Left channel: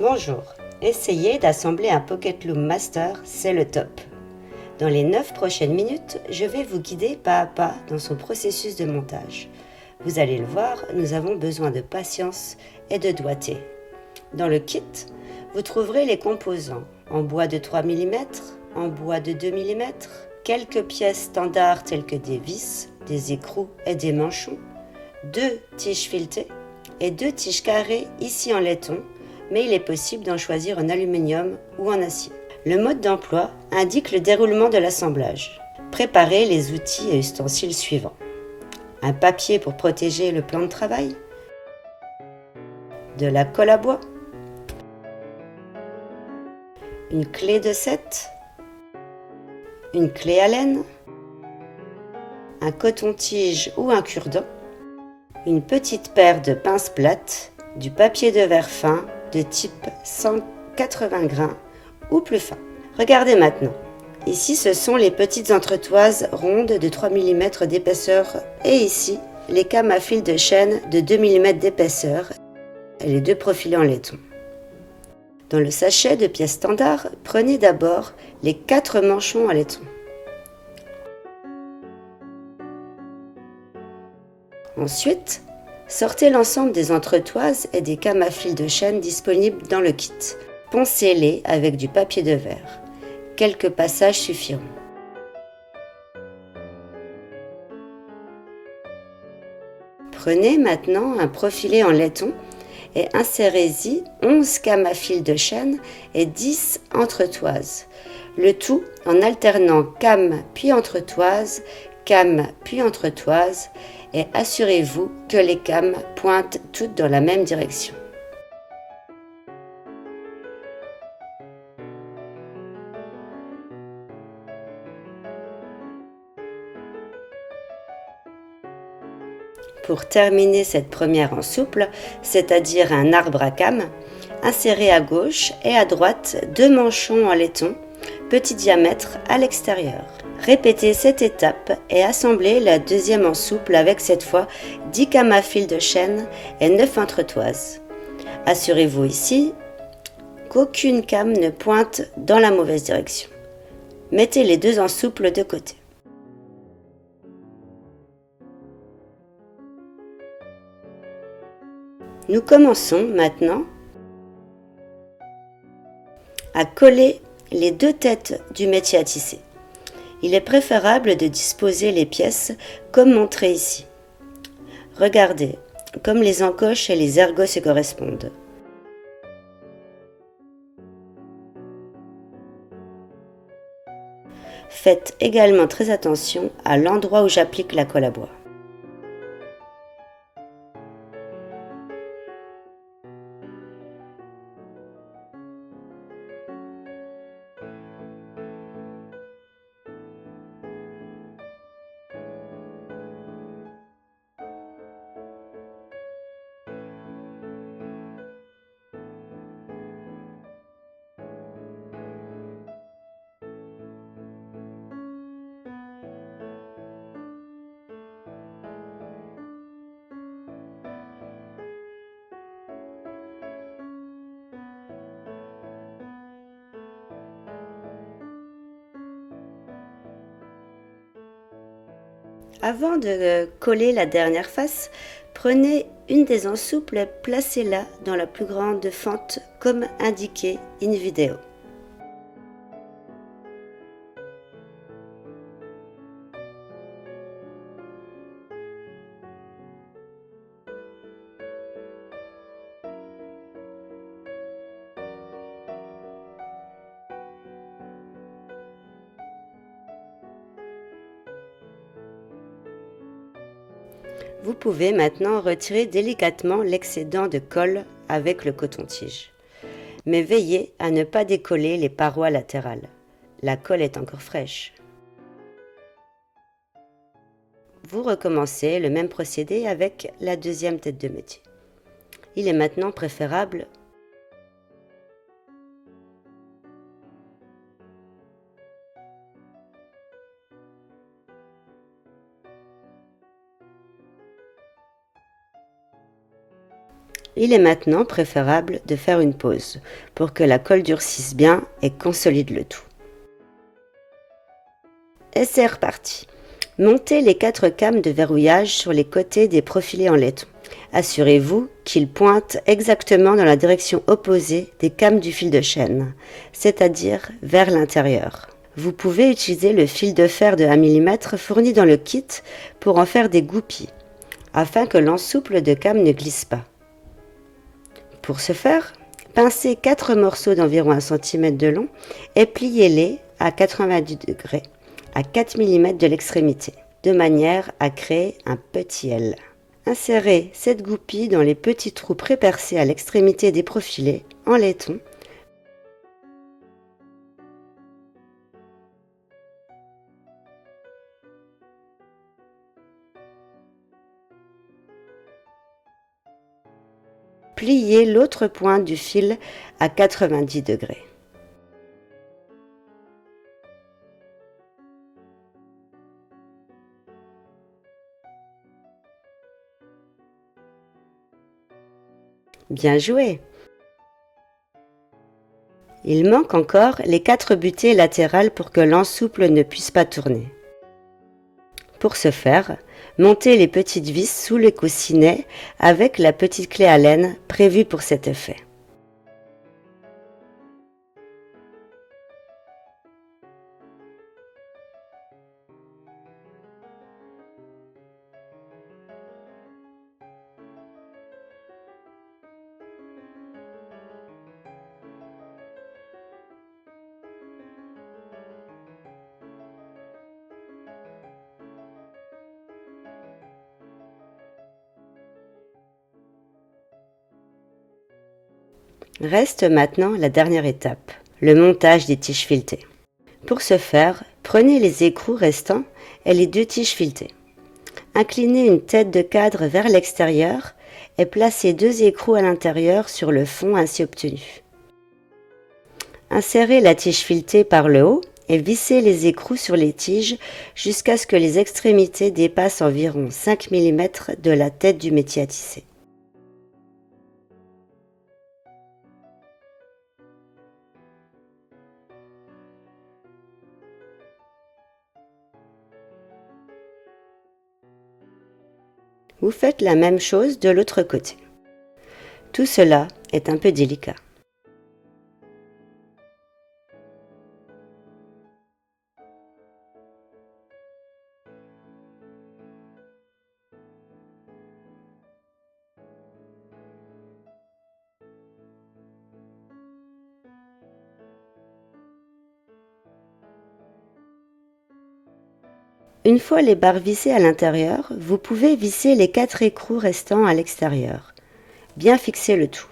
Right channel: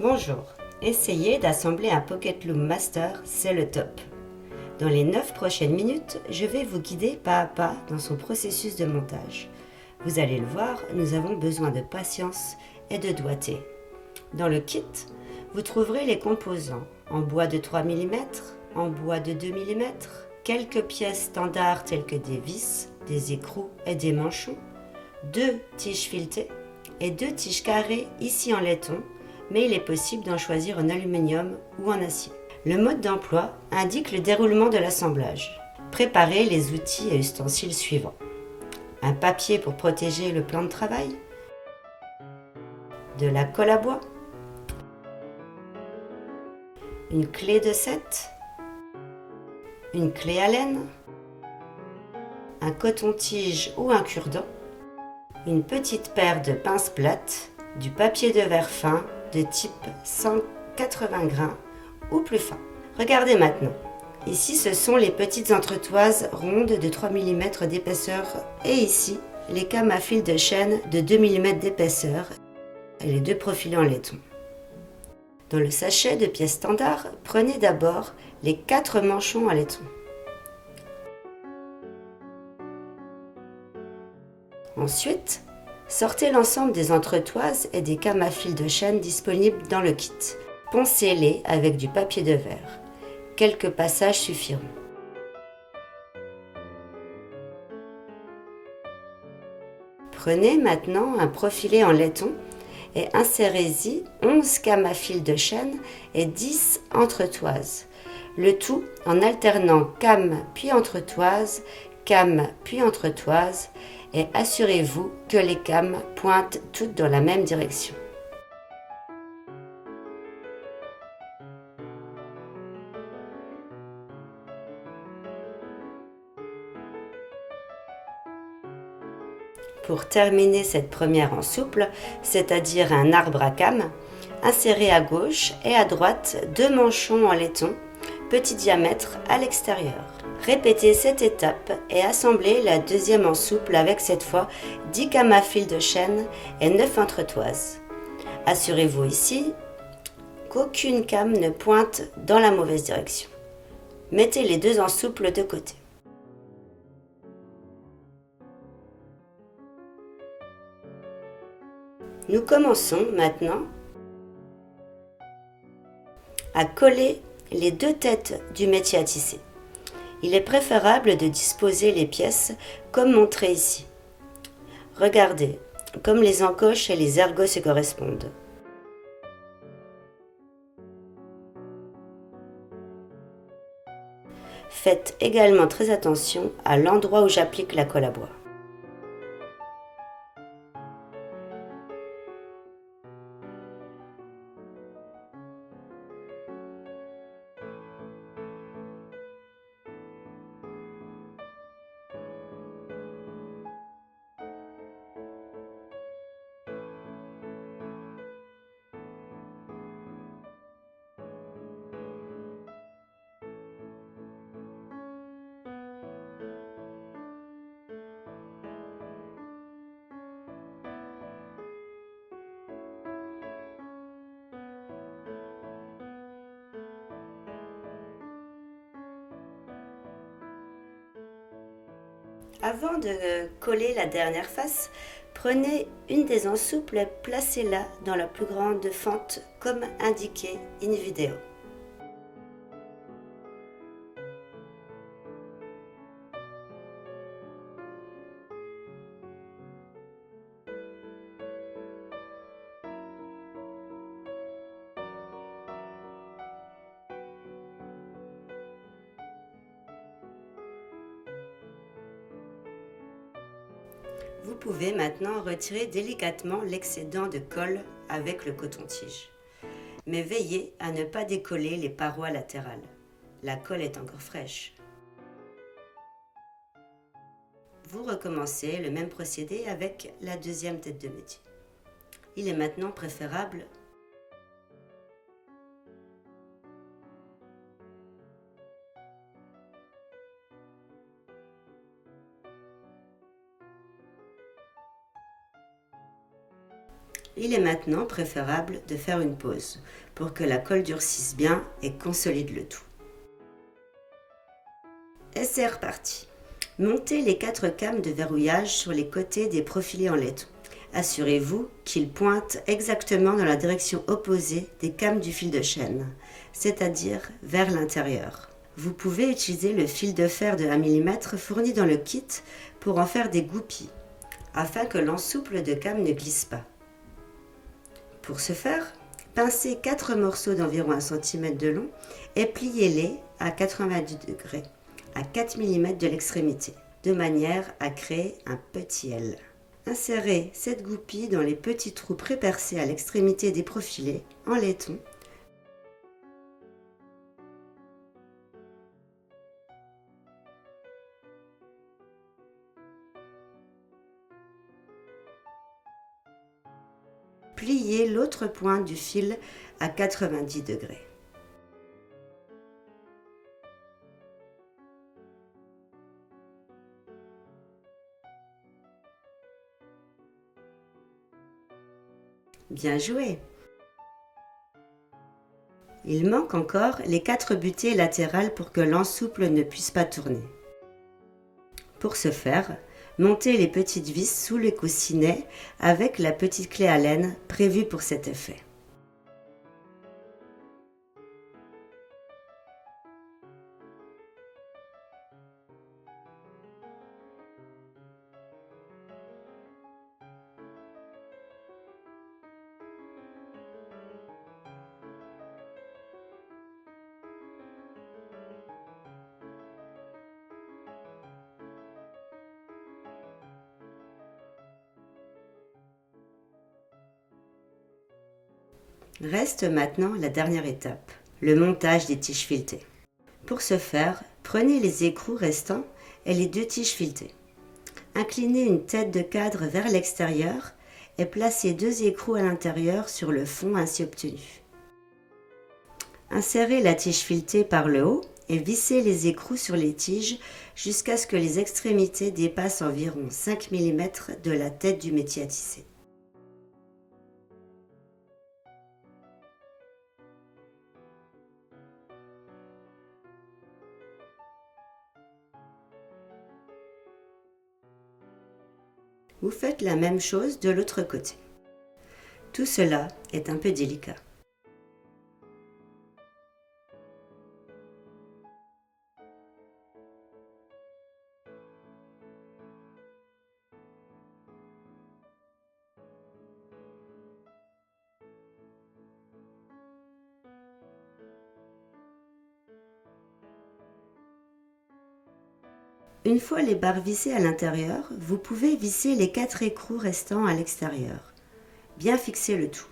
Bonjour, essayez d'assembler un Pocket Loom Master, c'est le top. Dans les 9 prochaines minutes, je vais vous guider pas à pas dans son processus de montage. Vous allez le voir, nous avons besoin de patience et de doigté. Dans le kit, vous trouverez les composants en bois de 3 mm, en bois de 2 mm, quelques pièces standards telles que des vis, des écrous et des manchons, 2 tiges filetées et 2 tiges carrées ici en laiton, mais il est possible d'en choisir en aluminium ou en acier. Le mode d'emploi indique le déroulement de l'assemblage. Préparez les outils et ustensiles suivants. Un papier pour protéger le plan de travail, de la colle à bois, une clé de 7, une clé à laine, un coton-tige ou un cure-dent, une petite paire de pinces plates, du papier de verre fin de type 180 grains ou plus fin. Regardez maintenant. Ici, ce sont les petites entretoises rondes de 3 mm d'épaisseur et ici, les cames à fil de chaîne de 2 mm d'épaisseur et les deux profilés en laiton. Dans le sachet de pièces standard, prenez d'abord les 4 manchons en laiton. Ensuite, sortez l'ensemble des entretoises et des cames à fil de chaîne disponibles dans le kit. Poncez-les avec du papier de verre. Quelques passages suffiront. Prenez maintenant un profilé en laiton et insérez-y 11 cames à fil de chaîne et 10 entretoises. Le tout en alternant cames puis entretoises, cames puis entretoises et assurez-vous que les cames pointent toutes dans la même direction. Pour terminer cette première en souple, c'est-à-dire un arbre à cames, insérez à gauche et à droite 2 manchons en laiton, petit diamètre à l'extérieur. Répétez cette étape et assemblez la deuxième en souple avec cette fois 10 cames à fil de chaîne et 9 entretoises. Assurez-vous ici qu'aucune came ne pointe dans la mauvaise direction. Mettez les deux en souple de côté. Nous commençons maintenant à coller les deux têtes du métier à tisser. Il est préférable de disposer les pièces comme montré ici. Regardez, comme les encoches et les ergots se correspondent. Faites également très attention à l'endroit où j'applique la colle à bois. Avant de coller la dernière face, prenez une des ensouples et placez-la dans la plus grande fente comme indiqué in vidéo. Vous pouvez maintenant retirer délicatement l'excédent de colle avec le coton-tige. Mais veillez à ne pas décoller les parois latérales. La colle est encore fraîche. Vous recommencez le même procédé avec la deuxième tête de métier. Il est maintenant préférable Il est maintenant préférable de faire une pause pour que la colle durcisse bien et consolide le tout. Et c'est reparti. Montez les 4 cames de verrouillage sur les côtés des profilés en laiton. Assurez-vous qu'ils pointent exactement dans la direction opposée des cames du fil de chaîne, c'est-à-dire vers l'intérieur. Vous pouvez utiliser le fil de fer de 1 mm fourni dans le kit pour en faire des goupilles, afin que l'ensouple de came ne glisse pas. Pour ce faire, pincez 4 morceaux d'environ 1 cm de long et pliez-les à 90 degrés à 4 mm de l'extrémité, de manière à créer un petit L. Insérez cette goupille dans les petits trous prépercés à l'extrémité des profilés en laiton. Pliez l'autre pointe du fil à 90 degrés. Bien joué! Il manque encore les 4 butées latérales pour que l'ensouple ne puisse pas tourner. Pour ce faire, montez les petites vis sous le coussinet avec la petite clé Allen prévue pour cet effet. Reste maintenant la dernière étape, le montage des tiges filetées. Pour ce faire, prenez les écrous restants et les 2 tiges filetées. Inclinez une tête de cadre vers l'extérieur et placez 2 écrous à l'intérieur sur le fond ainsi obtenu. Insérez la tige filetée par le haut et vissez les écrous sur les tiges jusqu'à ce que les extrémités dépassent environ 5 mm de la tête du métier à tisser. Vous faites la même chose de l'autre côté. Tout cela est un peu délicat. Une fois les barres vissées à l'intérieur, vous pouvez visser les 4 écrous restants à l'extérieur. Bien fixer le tout.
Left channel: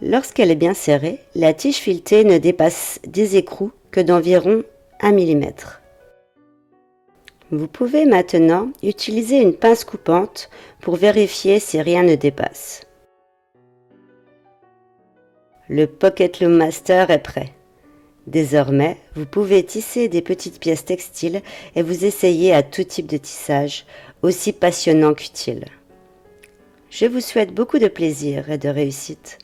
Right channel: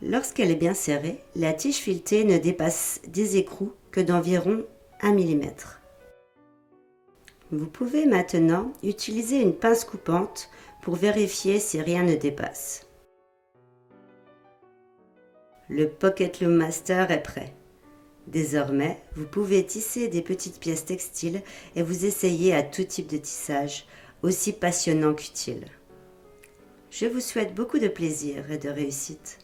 Lorsqu'elle est bien serrée, la tige filetée ne dépasse des écrous que d'environ 1 mm. Vous pouvez maintenant utiliser une pince coupante pour vérifier si rien ne dépasse. Le Pocket Loom Master est prêt. Désormais, vous pouvez tisser des petites pièces textiles et vous essayer à tout type de tissage, aussi passionnant qu'utile. Je vous souhaite beaucoup de plaisir et de réussite.